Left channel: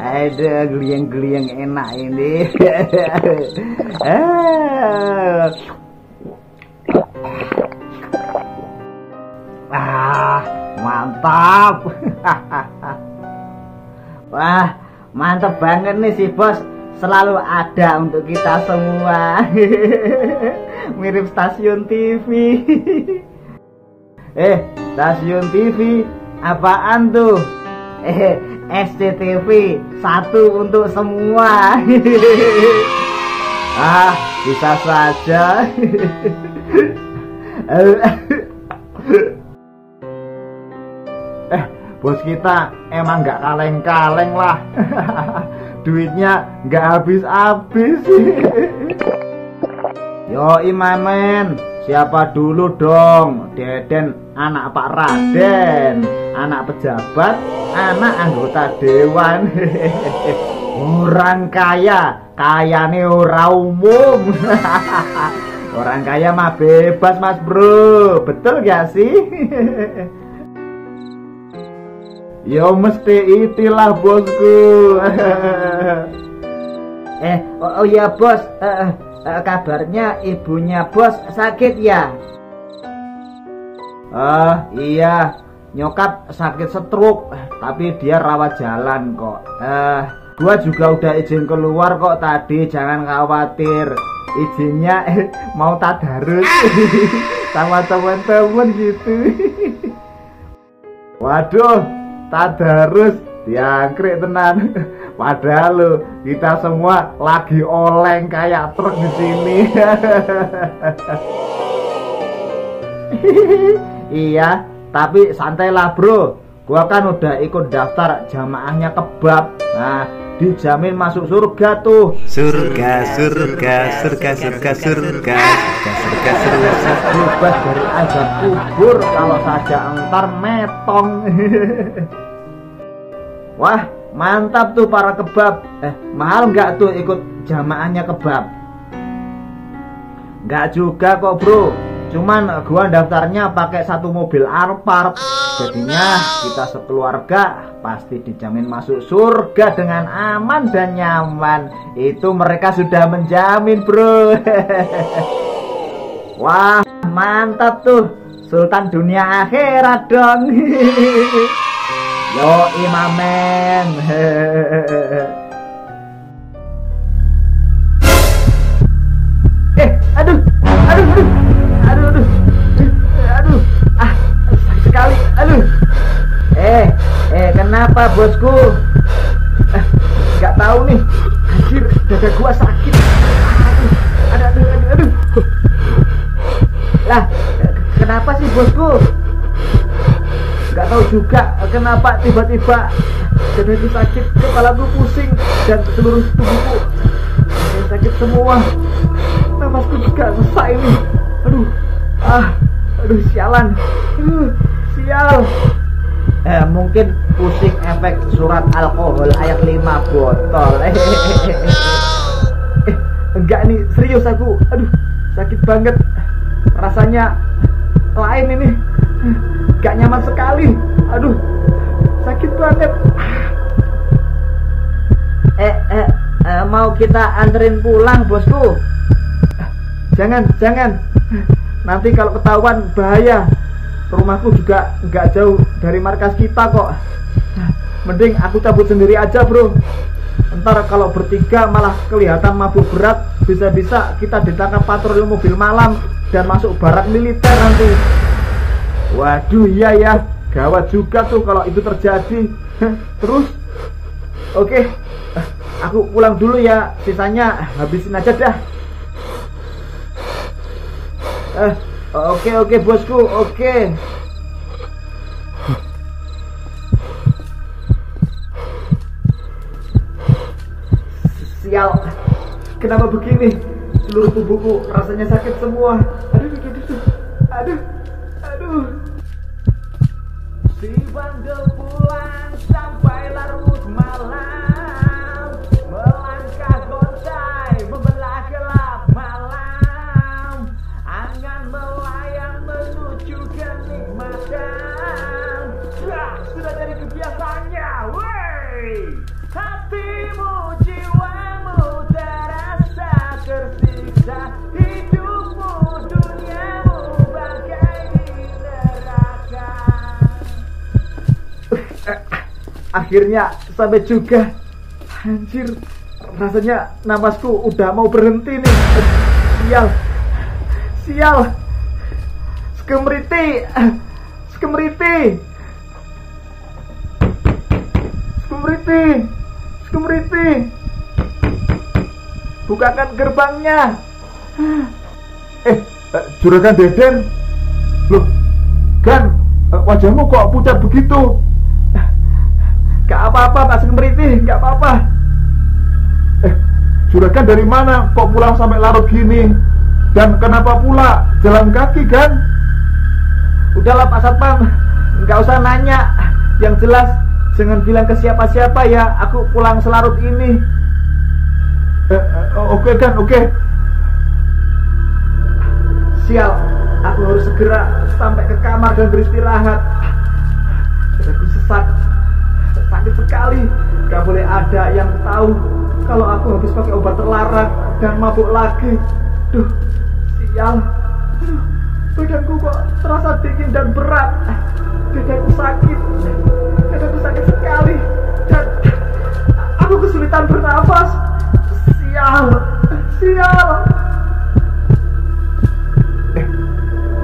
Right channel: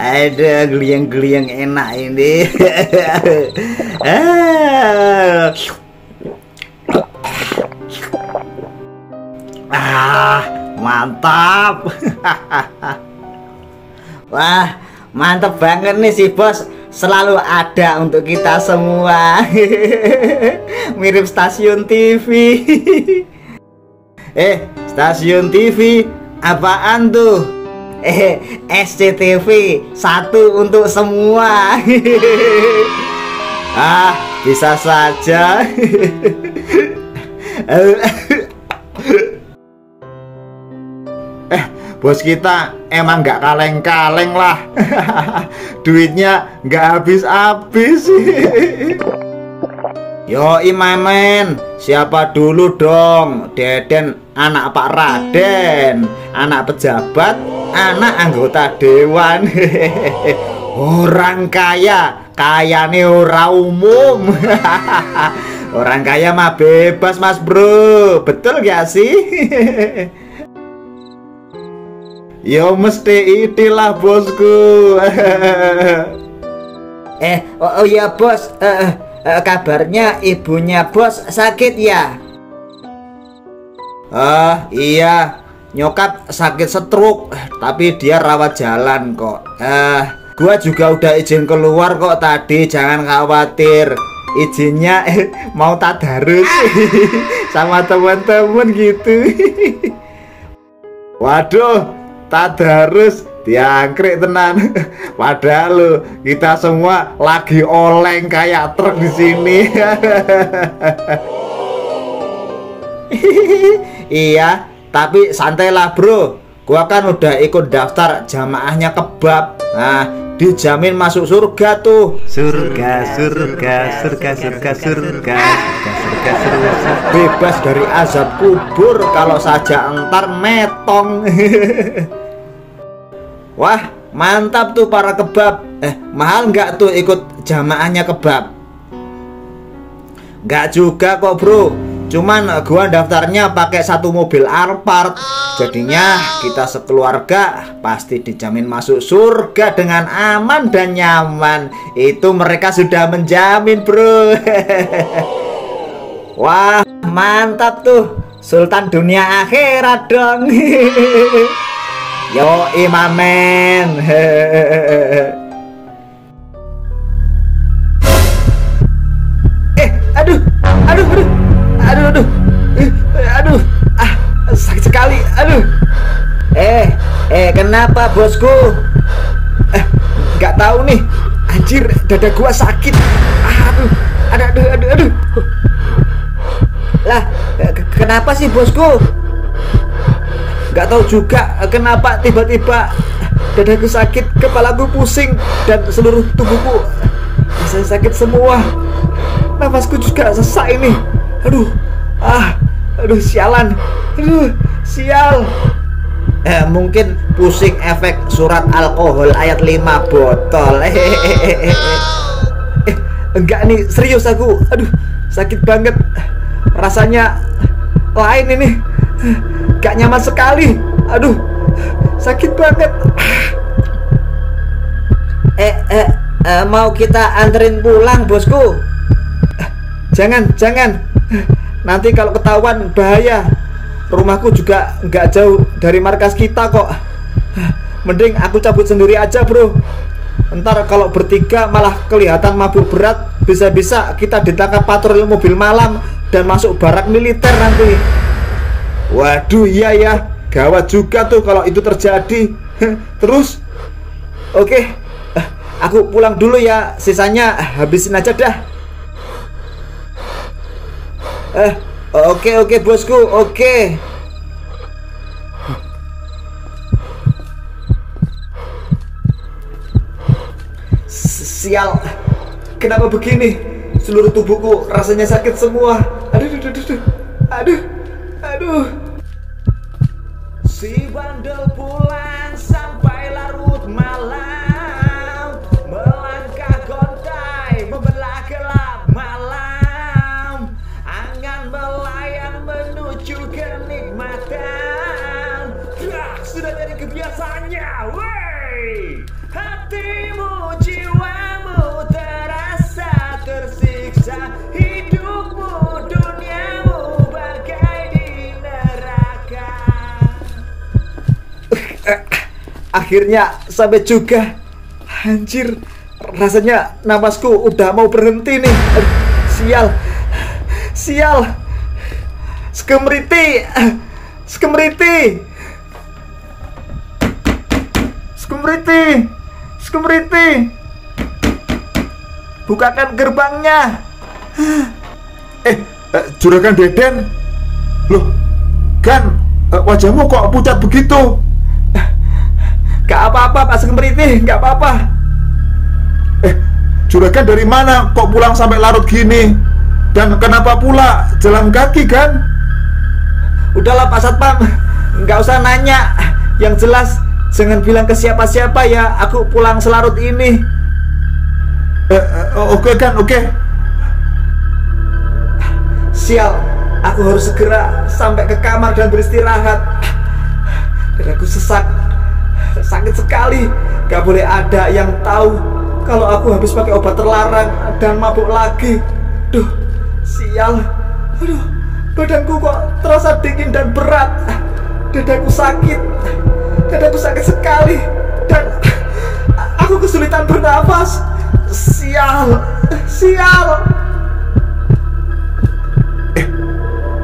Ada geliang-geliang enak ini. Mantap. Wah, mantap banget nih si bos, selalu ada untuk kita semua. Mirip stasiun TV. Stasiun TV apaan tuh? SCTV, satu untuk semua. Bisa saja. Bos kita emang nggak kaleng-kaleng lah. Duitnya nggak habis-habis. Yoi Memen, siapa dulu dong? Deden anak Pak Raden, anak pejabat, anak anggota dewan. Orang kaya, kayane ora umum. Orang kaya mah bebas mas bro, betul gak sih? Yo mesti itilah bosku. Oh iya bos, kabarnya ibunya bos sakit ya? Iya, nyokap sakit stroke, tapi dia rawat jalan kok. Gua juga udah izin keluar kok tadi, jangan khawatir. Izinnya mau tadarus sama temen-temen gitu. Waduh, tadarus diangkrik tenan. Padahal lo kita semua lagi oleng kayak truk di sini. Iya, tapi santailah bro. Gua kan udah ikut daftar jamaahnya kebab. Nah, dijamin masuk surga tuh. Surga. Bebas dari azab kubur kalau saja entar metong. Wah, mantap tuh para kebab. Mahal nggak tuh ikut jamaahnya kebab? Nggak juga kok bro. Cuman gua daftarnya pakai satu mobil Alphard. Jadinya kita sekeluarga pasti dijamin masuk surga dengan aman dan nyaman. Itu mereka sudah menjamin bro. Wah, mantap tuh. Sultan dunia akhirat dong. Yo imamen. Aduh, sakit sekali, aduh. Kenapa bosku? Nggak tahu nih, anjir, dada gua sakit. Aduh. Lah, kenapa sih bosku? Nggak tahu juga kenapa tiba-tiba dadaku sakit, kepalaku pusing, dan seluruh tubuhku rasanya sakit semua. Nafasku juga sesak ini. Aduh sialan. Sial. Mungkin pusing efek surat alkohol ayat 5 botol. Enggak nih, serius aku. Aduh, sakit banget. Rasanya lain ini. Gak nyaman sekali. Aduh, sakit banget. Mau kita anterin pulang bosku? Jangan. Nanti kalau ketahuan bahaya. Rumahku juga nggak jauh dari markas kita kok. Mending aku cabut sendiri aja bro. Ntar kalau bertiga malah kelihatan mabuk berat, bisa-bisa kita ditangkap patroli mobil malam dan masuk barak militer nanti. Waduh, iya ya, gawat juga tuh kalau itu terjadi. Terus oke, aku pulang dulu ya, sisanya habisin aja dah. Oke bosku, oke. Sial, kenapa begini? Seluruh tubuhku rasanya sakit semua. Aduh. Si bandel pulang sampai larut malam, melangkah gontai membelah gelap malam. rasa hidupmu, duniamu bagai di neraka. Akhirnya sampai juga. Anjir, rasanya napasku udah mau berhenti nih. Sial, sial. Skemriti, skemriti, skemriti, skemriti. Bukakan gerbangnya. Juragan Deden. Loh, Gan, wajahmu kok pucat begitu? Gak apa-apa Pak Skemriti, gak apa-apa. Juragan dari mana kok pulang sampai larut gini? Dan kenapa pula jalan kaki, Gan? Udahlah Pak Satpam, nggak usah nanya. Yang jelas jangan bilang ke siapa-siapa ya, aku pulang selarut ini. Oke, Gan, oke. Sial, aku harus segera sampai ke kamar dan beristirahat. Dadaku sesak, sakit sekali. Gak boleh ada yang tahu kalau aku habis pakai obat terlarang dan mabuk lagi. Duh, sial. Aduh, badanku kok terasa dingin dan berat. Dadaku sakit sekali. Dan aku kesulitan bernafas. Sial, sial.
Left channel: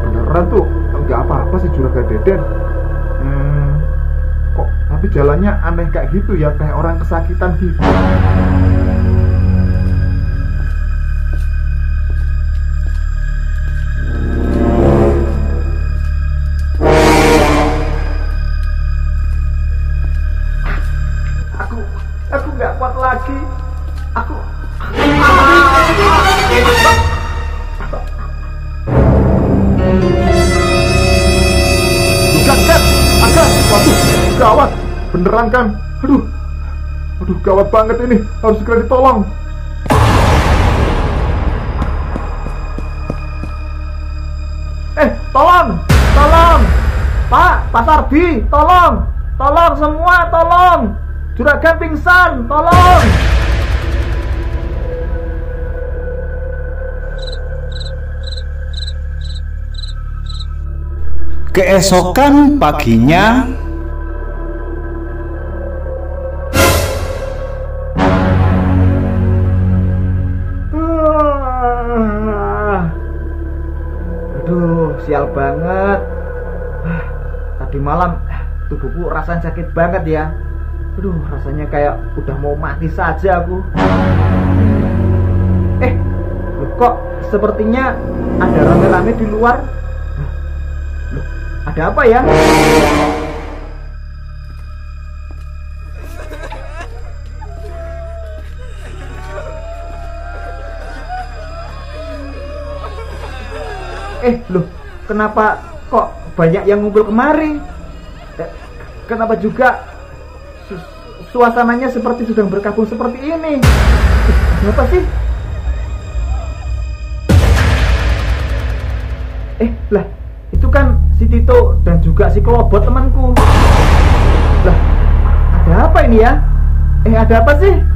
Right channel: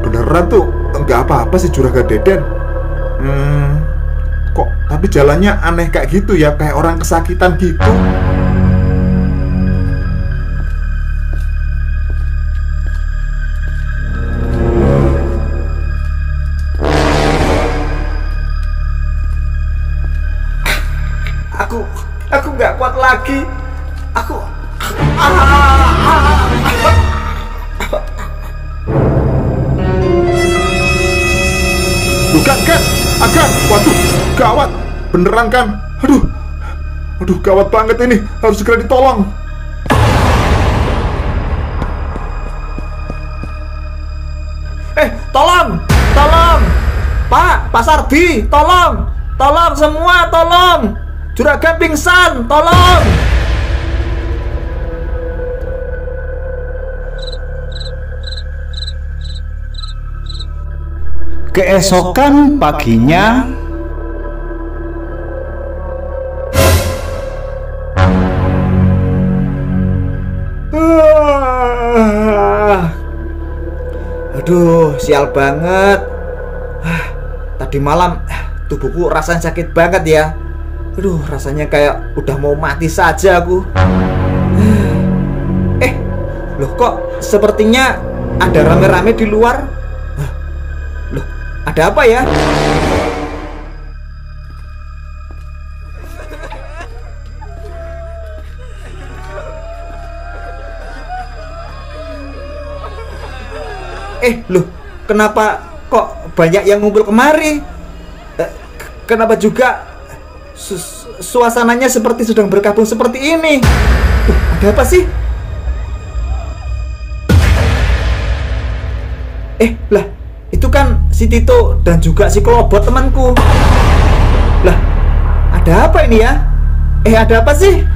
Beneran tuh nggak apa-apa sih Juragan Deden. Kok tapi jalannya aneh kayak gitu ya, kayak orang kesakitan gitu. Aku nggak kuat lagi. Waduh, gawat, beneran kan? Aduh, gawat banget ini, harus segera ditolong. Tolong, Pak Sarbi, tolong semua, tolong. Juragan pingsan, tolong. Keesokan paginya, aduh, sial banget. Tadi malam tubuhku rasanya sakit banget ya. Aduh, rasanya kayak udah mau mati saja aku. Loh, kok sepertinya ada rame-rame di luar. Loh, ada apa ya? Loh, kenapa kok banyak yang ngumpul kemari? Kenapa juga suasananya seperti sedang berkabung seperti ini? Ada apa sih? Lah, itu kan si Tito dan juga si Klobot temanku. Lah, ada apa ini ya? Ada apa sih?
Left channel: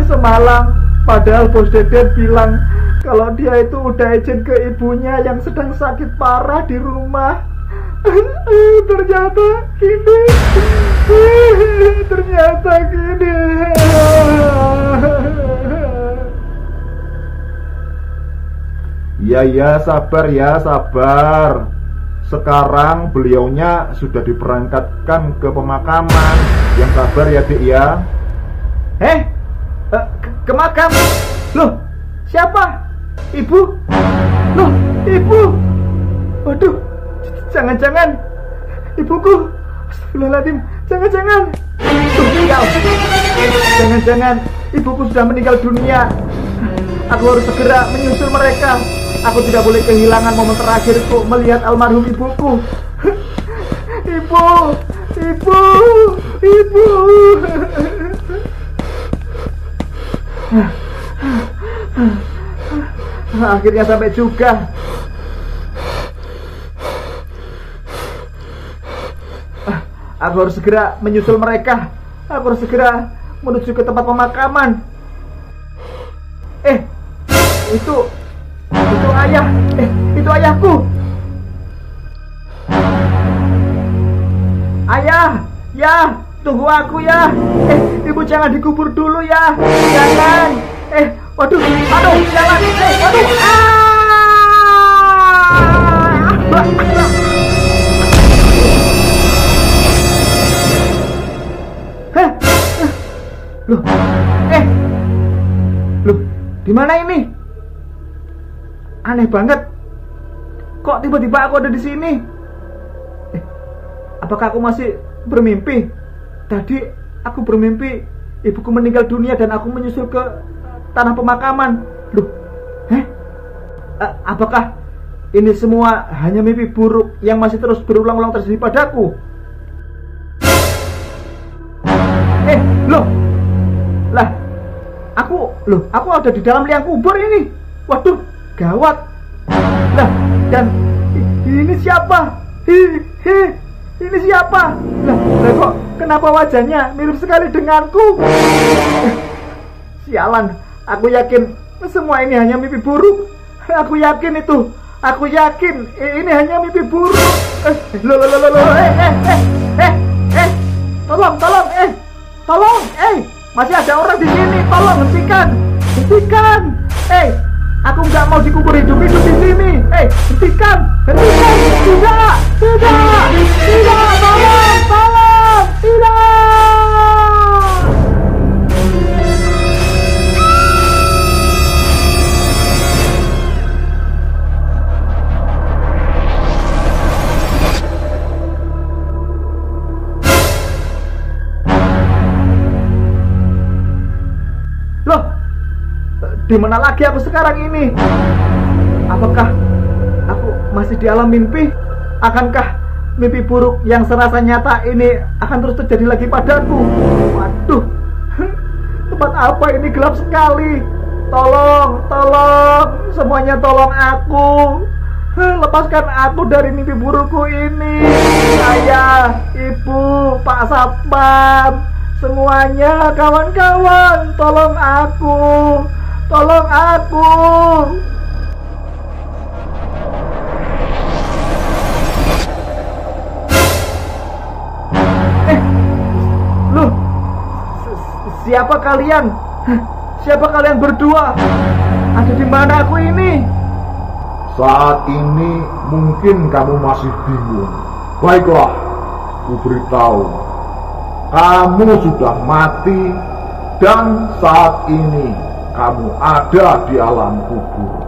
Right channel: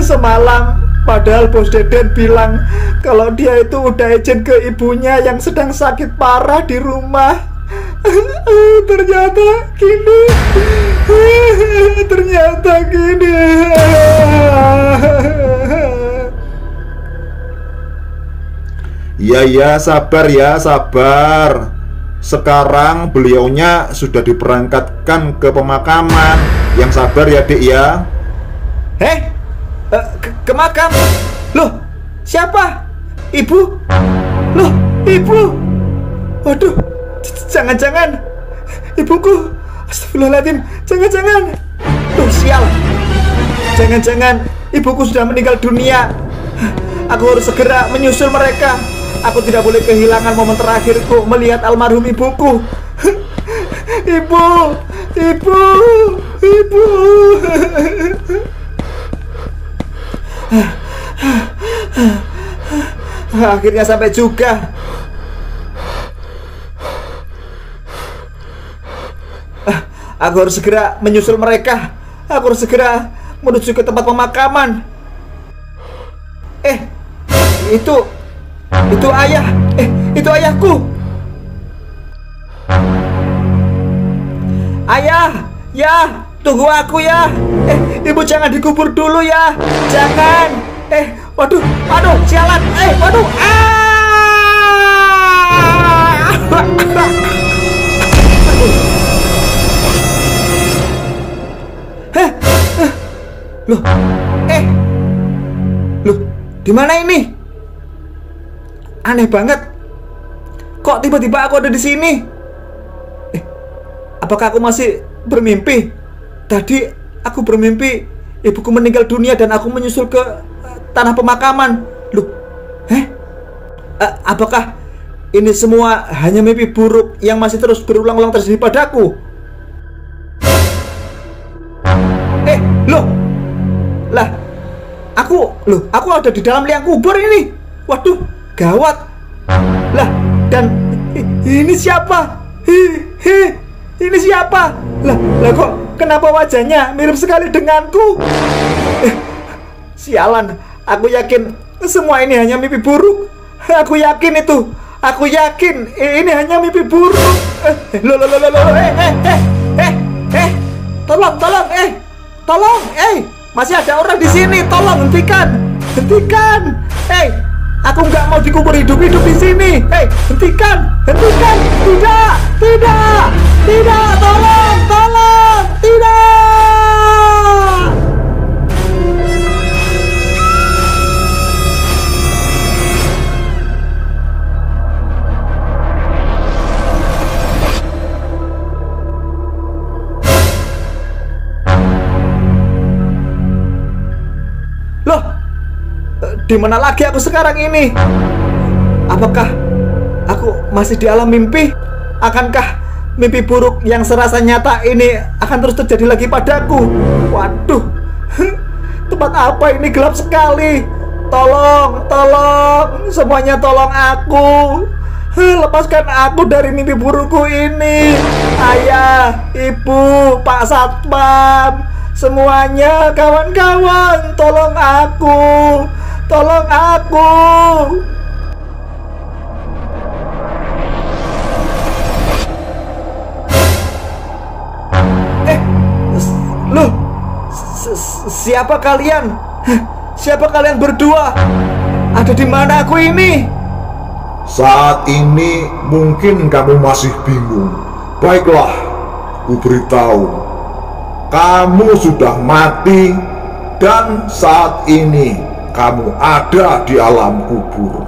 Semalam padahal Bos Deden bilang kalau dia itu udah izin ke ibunya yang sedang sakit parah di rumah. Ternyata gini. Ya, sabar ya, sabar. Sekarang beliaunya sudah diberangkatkan ke pemakaman. Yang sabar ya, Dik ya. Ke makam? Loh, siapa? Ibu? Loh, ibu? Waduh, jangan-jangan ibuku. Astagfirullahaladzim, jangan-jangan. Tuh, sial. Jangan-jangan ibuku sudah meninggal dunia. Aku harus segera menyusul mereka. Aku tidak boleh kehilangan momen terakhirku melihat almarhum ibuku. Ibu. Akhirnya sampai juga. Aku harus segera menyusul mereka. Aku harus segera menuju ke tempat pemakaman. Itu ayah. Itu ayahku. Ayah, ya, tunggu aku ya. Ibu jangan dikubur dulu ya. Jangan. Waduh, aduh, sialan. Waduh. Loh, di mana ini? Aneh banget. Kok tiba-tiba aku ada di sini? Apakah aku masih bermimpi? Tadi aku bermimpi ibuku meninggal dunia dan aku menyusul ke tanah pemakaman. Loh, apakah ini semua hanya mimpi buruk yang masih terus berulang-ulang terjadi padaku? Aku ada di dalam liang kubur ini. Waduh, gawat. Lah, dan ini siapa? Ini siapa? Lah kok kenapa wajahnya mirip sekali denganku? Sialan, aku yakin semua ini hanya mimpi buruk. Aku yakin itu. Aku yakin ini hanya mimpi buruk. Tolong, masih ada orang di sini. Tolong hentikan. Aku nggak mau dikubur hidup-hidup di sini. Hentikan. Tidak, tolong, tidak. Loh, di mana lagi aku sekarang ini? Apakah aku masih di alam mimpi? Akankah mimpi buruk yang serasa nyata ini akan terus terjadi lagi padaku? Waduh, tempat apa ini, gelap sekali. Tolong, semuanya tolong aku. Lepaskan aku dari mimpi burukku ini. Ayah, ibu, Pak Satpam, semuanya, kawan-kawan, tolong aku. Loh, siapa kalian? Siapa kalian berdua? Ada di mana aku ini? Saat ini mungkin kamu masih bingung. Baiklah, ku beritahu. Kamu sudah mati dan saat ini kamu ada di alam kubur.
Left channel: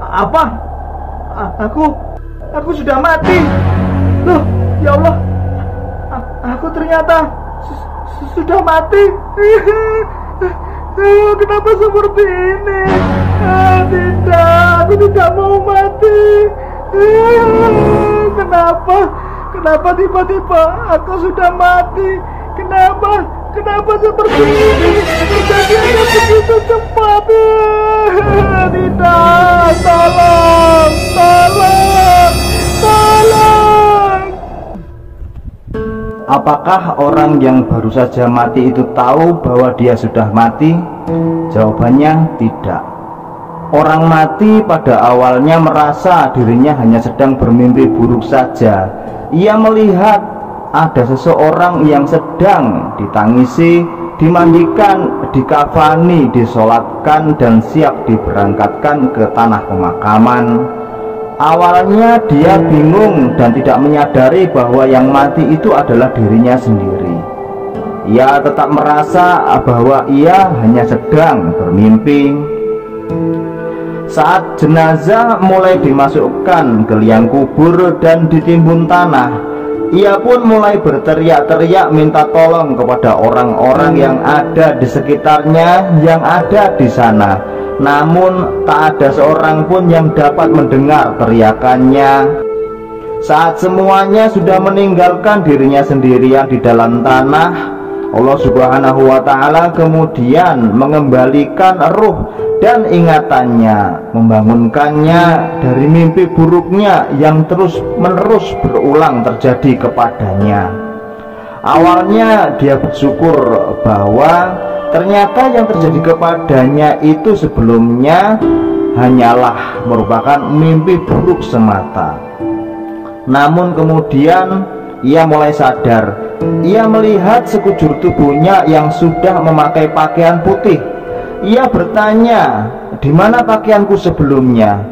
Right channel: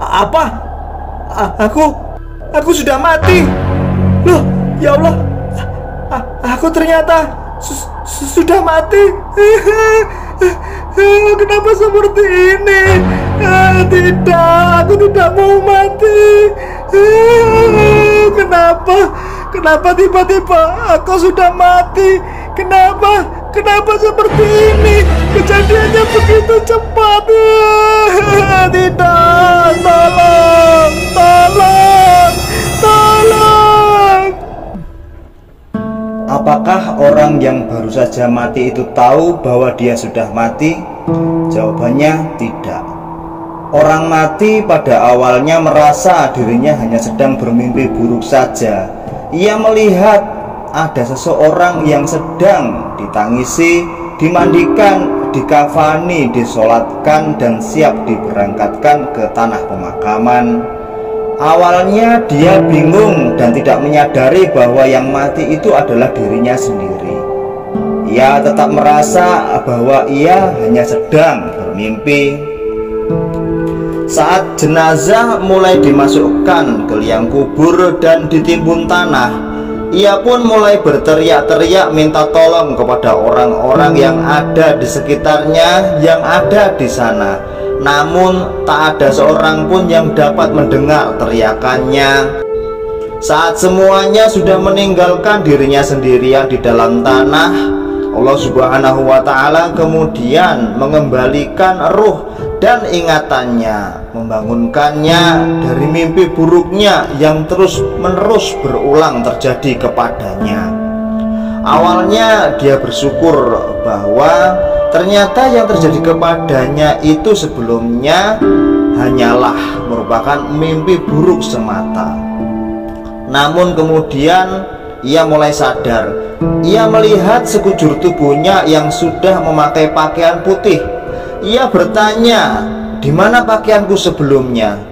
Apa? Aku sudah mati. Loh, ya Allah. Aku ternyata sudah mati. Kenapa seperti ini? Tidak, aku tidak mau mati. Kenapa tiba-tiba aku sudah mati? Kenapa seperti ini? Kejadiannya begitu cepat. Tidak, tolong. Apakah orang yang baru saja mati itu tahu bahwa dia sudah mati? Jawabannya tidak. Orang mati pada awalnya merasa dirinya hanya sedang bermimpi buruk saja. Ia melihat ada seseorang yang sedang ditangisi, dimandikan, dikafani, disolatkan, dan siap diberangkatkan ke tanah pemakaman. Awalnya dia bingung dan tidak menyadari bahwa yang mati itu adalah dirinya sendiri. Ia tetap merasa bahwa ia hanya sedang bermimpi. Saat jenazah mulai dimasukkan ke liang kubur dan ditimbun tanah, ia pun mulai berteriak-teriak minta tolong kepada orang-orang yang ada di sekitarnya yang ada di sana. Namun tak ada seorang pun yang dapat mendengar teriakannya. Saat semuanya sudah meninggalkan dirinya sendirian di dalam tanah, Allah Subhanahu wa Ta'ala kemudian mengembalikan ruh dan ingatannya, membangunkannya dari mimpi buruknya yang terus-menerus berulang terjadi kepadanya. Awalnya dia bersyukur bahwa ternyata yang terjadi kepadanya itu sebelumnya hanyalah merupakan mimpi buruk semata. Namun kemudian ia mulai sadar. Ia melihat sekujur tubuhnya yang sudah memakai pakaian putih. Ia bertanya, "Di mana pakaianku sebelumnya?"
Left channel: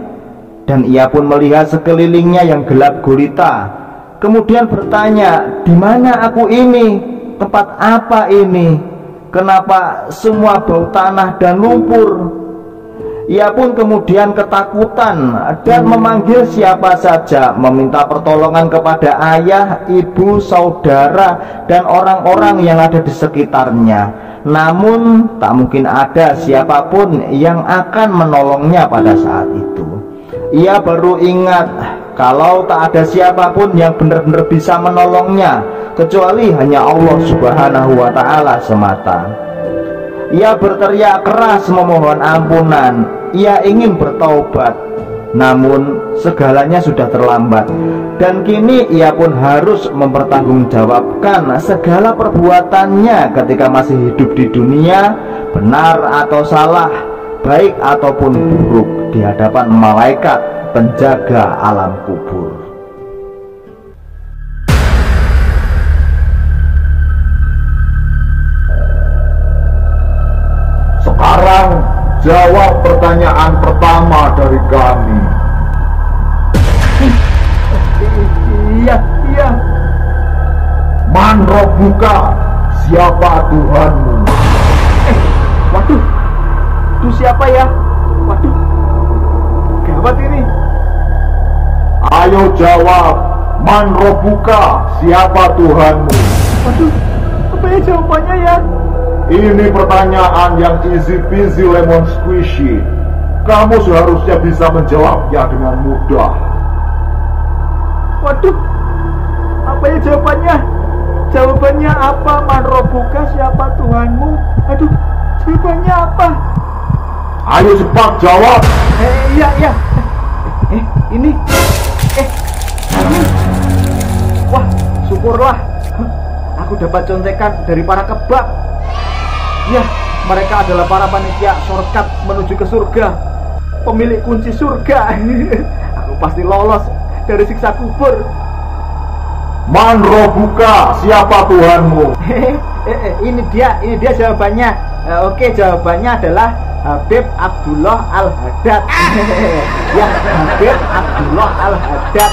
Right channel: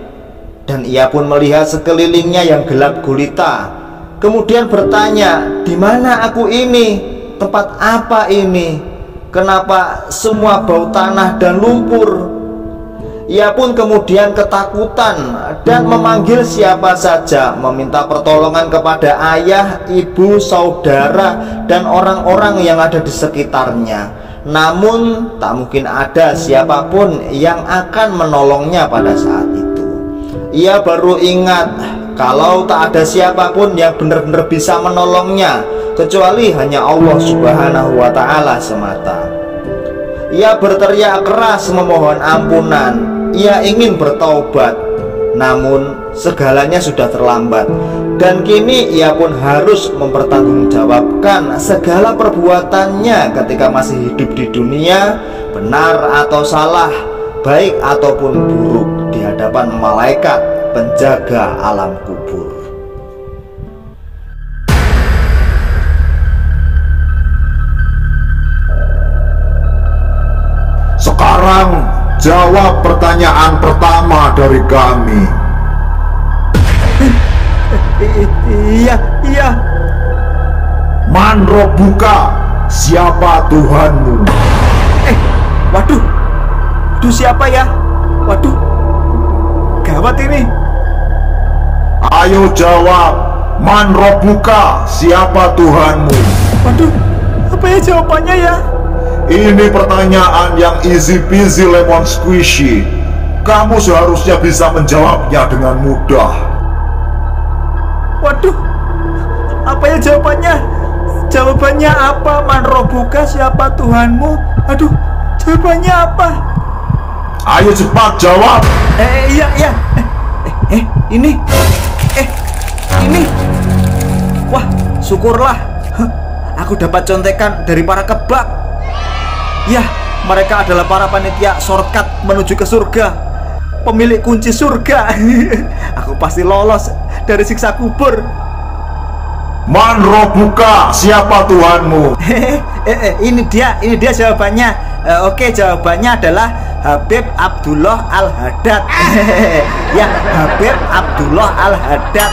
Dan ia pun melihat sekelilingnya yang gelap gulita. Kemudian bertanya, "Di mana aku ini? Tempat apa ini? Kenapa semua bau tanah dan lumpur?" Ia pun kemudian ketakutan dan memanggil siapa saja, meminta pertolongan kepada ayah, ibu, saudara, dan orang-orang yang ada di sekitarnya. Namun tak mungkin ada siapapun yang akan menolongnya pada saat itu. Ia baru ingat kalau tak ada siapapun yang benar-benar bisa menolongnya kecuali hanya Allah Subhanahu wa Ta'ala semata. Ia berteriak keras memohon ampunan. Ia ingin bertaubat, namun segalanya sudah terlambat. Dan kini ia pun harus mempertanggungjawabkan segala perbuatannya ketika masih hidup di dunia, benar atau salah, baik ataupun buruk, di hadapan malaikat penjaga alam kubur. Sekarang jawab pertanyaan pertama dari kami. Iya. Man Rabbuka, siapa Tuhanmu? Waduh, siapa ya? Waduh, gawat ini. Ayo jawab, Man Rabbuka, siapa Tuhanmu? Waduh, apa ya jawabannya ya? Ini pertanyaan yang easy peasy lemon squishy. Kamu seharusnya bisa menjawabnya dengan mudah. Waduh, apa ya jawabannya? Jawabannya apa? Man Rabbuka, siapa Tuhanmu? Aduh, jawabannya apa? Ayo cepat jawab. Iya. Ini. Wah, syukurlah. Aku dapat contekan dari para kebak. Ya, mereka adalah para panitia shortcut menuju ke surga, pemilik kunci surga. Aku pasti lolos dari siksa kubur. Man Rabbuka, siapa Tuhanmu? Ini dia jawabannya. Oke, jawabannya adalah Habib Abdullah Al-Haddad. Ya, Habib Abdullah Al-Haddad.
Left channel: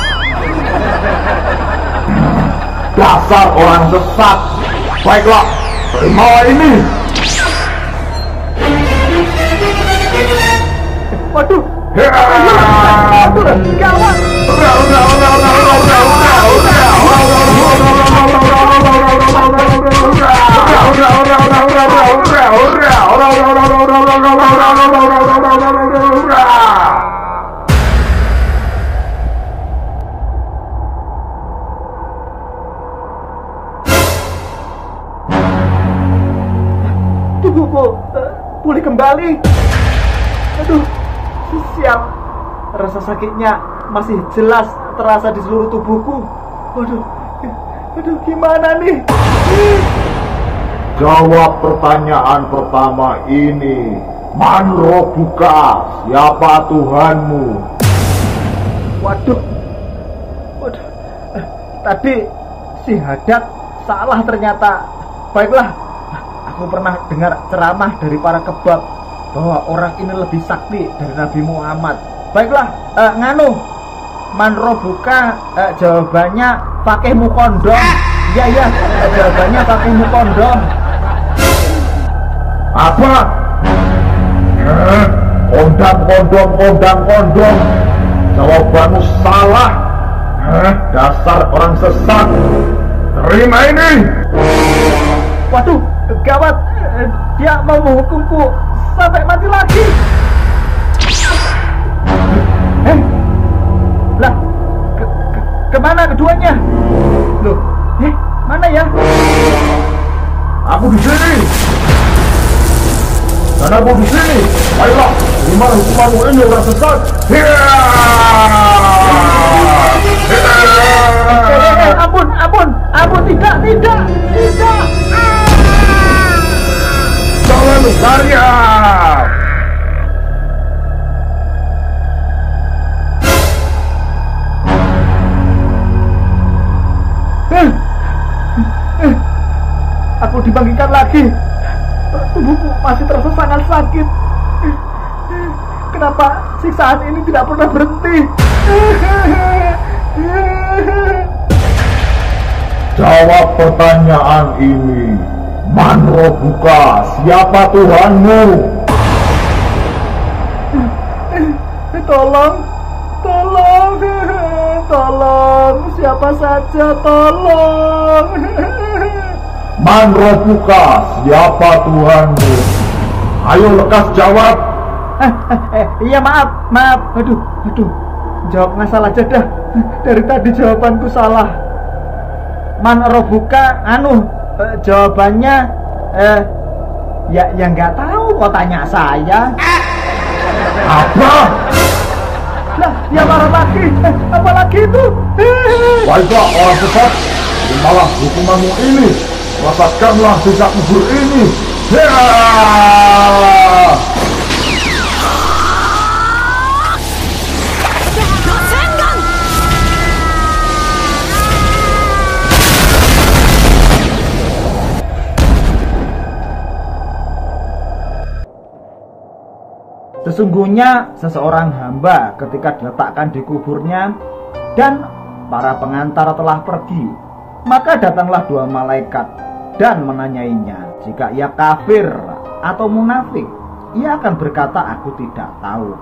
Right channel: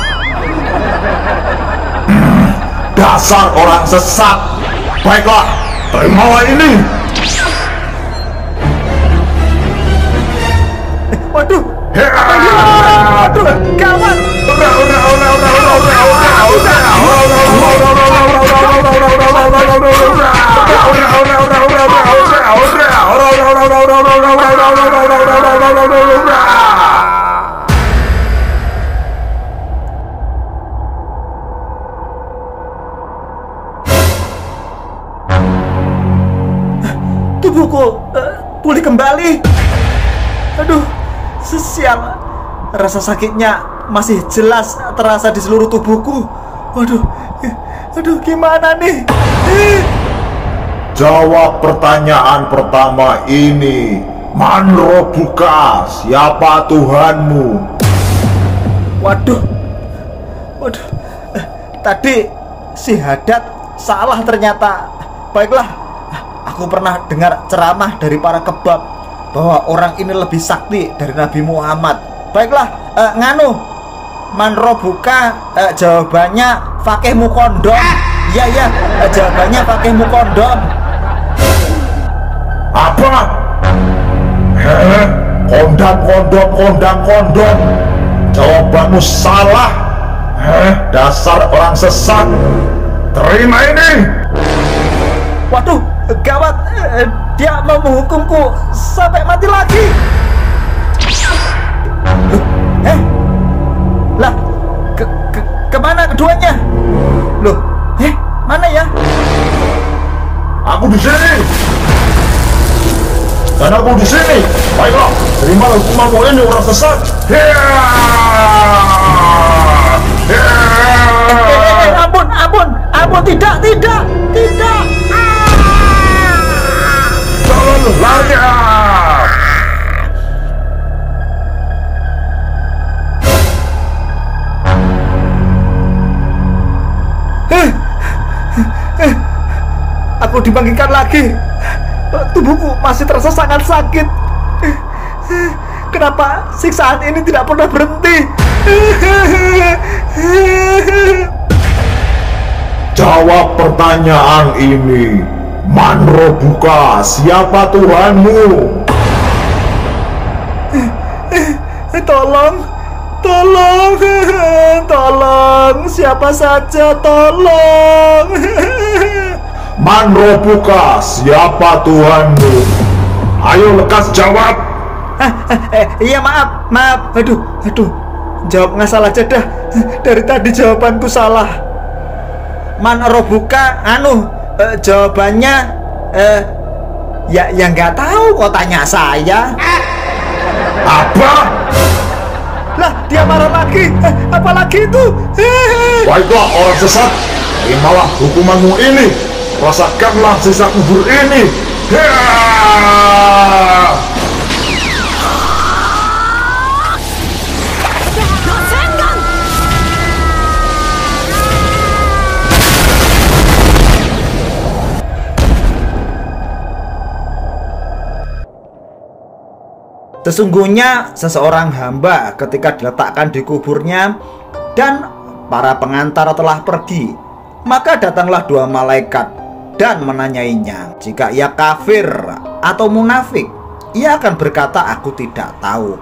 Dasar orang sesat. Baiklah, terimalah ini. Waduh, gawat. Tubuhku pulih kembali. Aduh, sial. Rasa sakitnya masih jelas terasa di seluruh tubuhku. Aduh, gimana nih? Jawab pertanyaan pertama ini. Man Rabbuka, siapa Tuhanmu? Waduh. Tadi si Haddad salah ternyata. Baiklah, aku pernah dengar ceramah dari para kebab bahwa orang ini lebih sakti dari Nabi Muhammad. Baiklah, nganu, Man Rabbuka, jawabannya fakihmu kondom. Iya, jawabannya fakihmu kondom. Apa? Kondom. Jawabanmu salah. Dasar orang sesat. Terima ini. Waduh, gawat. Dia mau menghukumku sampai mati lagi. Lah, kemana keduanya? Loh, mana ya? Aku di sini. Dan aku di sini. Baiklah, terima hukumanmu ini orang sesat. Ampun, tidak. larian. Aku dibangkitkan lagi. Tubuhku masih terasa sangat sakit. Kenapa siksaan ini tidak pernah berhenti? Jawab pertanyaan ini. Manrobuka, siapa Tuhanmu? Tolong, tolong, tolong, siapa saja, tolong. Manrobuka, siapa Tuhanmu? Ayo lekas jawab. Iya maaf. Aduh, jawab ngasal aja dah. Dari tadi jawabanku salah. Manrobuka, jawabannya ya nggak tahu kok tanya saya. Apa? Lah dia marah lagi. Apalagi itu? Baiklah orang sesat, terimalah hukumanmu ini. Rasakanlah sisa kubur ini. Sesungguhnya seseorang hamba ketika diletakkan di kuburnya dan para pengantar telah pergi, maka datanglah dua malaikat dan menanyainya. Jika ia kafir atau munafik, ia akan berkata, "Aku tidak tahu."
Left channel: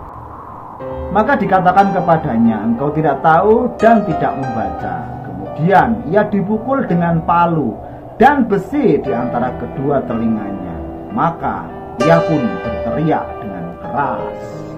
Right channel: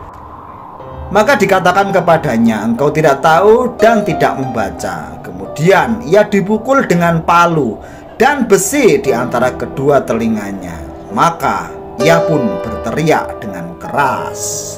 Maka dikatakan kepadanya, "Engkau tidak tahu dan tidak membaca." Kemudian ia dipukul dengan palu dan besi di antara kedua telinganya. Maka ia pun berteriak dengan keras.